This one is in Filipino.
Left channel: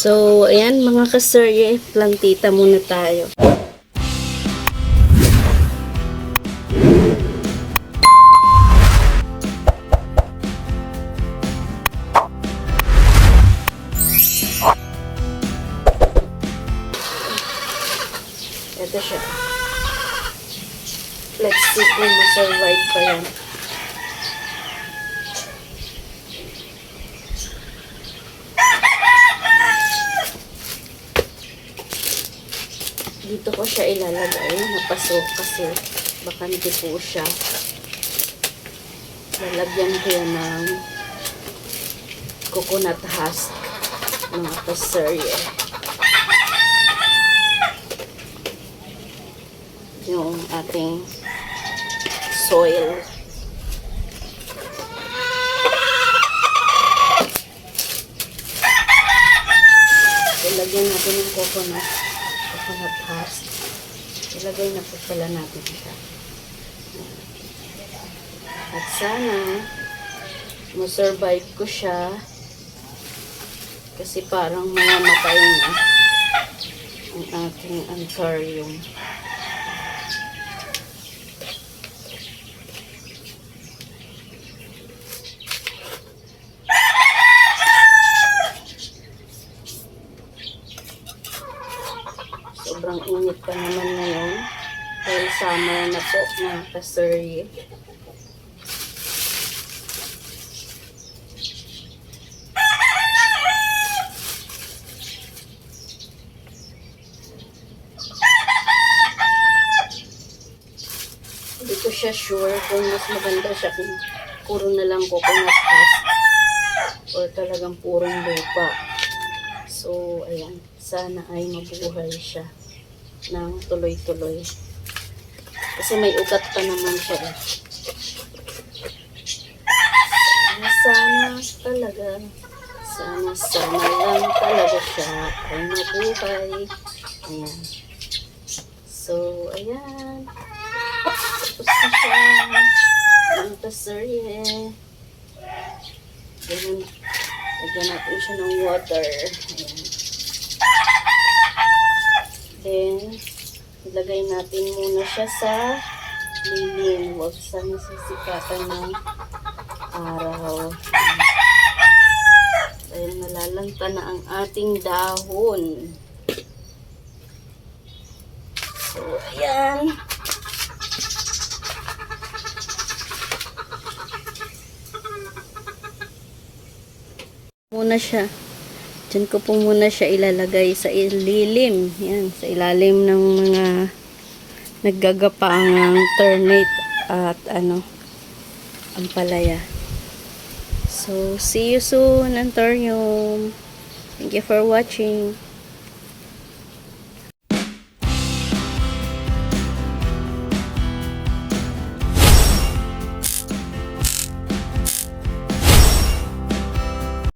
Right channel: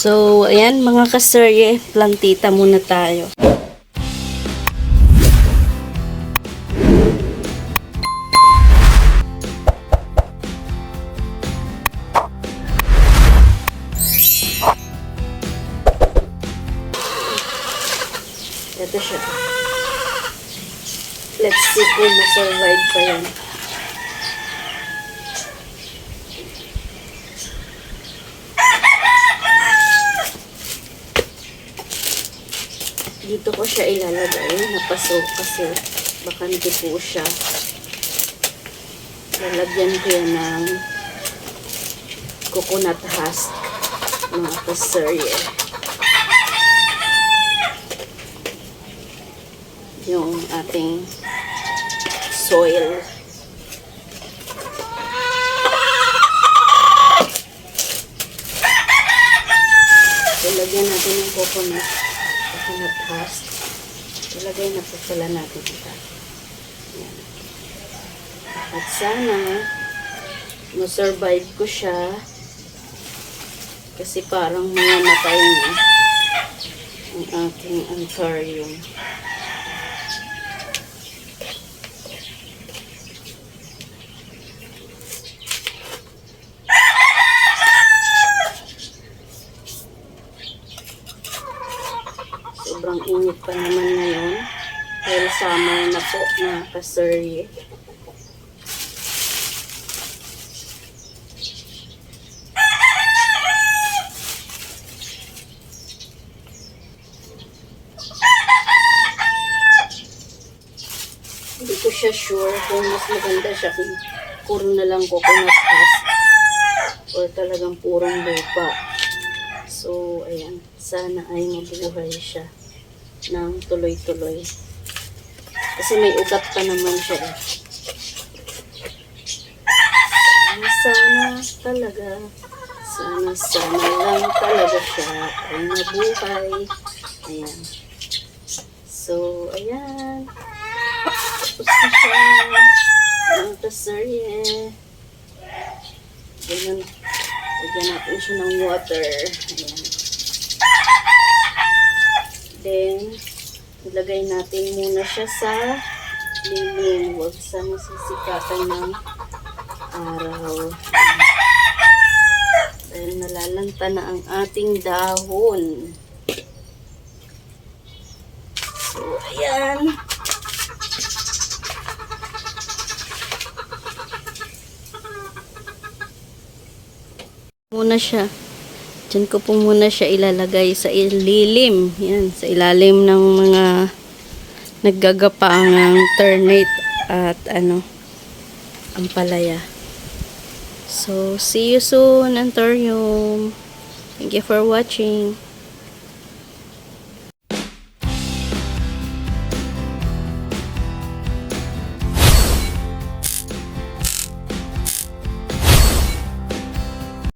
So, ayan mga kaserye, plantita muna tayo. Ito siya. Let's see kung ma-survive pa yan. Dito ko siya ilalagay. Napaso kasi bakante po siya. Lalagyan ko yan ng coconut husk, mga kaserye. Yung ating soil. Ilagyan natin ng coconut husk. Ilagay na po pala natin ito. At sana ma-survive ko siya kasi parang mamamatay na ang ating anthurium. Sobrang init pa naman ngayon. Dahil summer na po, mga kaserye. Hindi ko siya sure kung mas maganda siya kung puro na lang coconut husk or talagang purong lupa. So, ayan. Sana ay mabuhay siya ng tuloy-tuloy. Kasi may ugat pa naman siya eh. Sana lang talaga siya ay mabuhay. Ayan. So, ayan. Tapos na siya. Ang kaserye. Ganyan. Lagyan natin siya ng water. Ayan. Then, ilagay natin muna siya sa lilim. Huwag sa nasisikatan ng araw. Dahil nalalanta na ang ating dahon. So, ayan. Muna siya. Diyan ko po muna siya ilalagay sa ilalim. Yan, sa ilalim ng mga naggagapaang ternate at ampalaya. So, see you soon, Anthurium. Thank you for watching.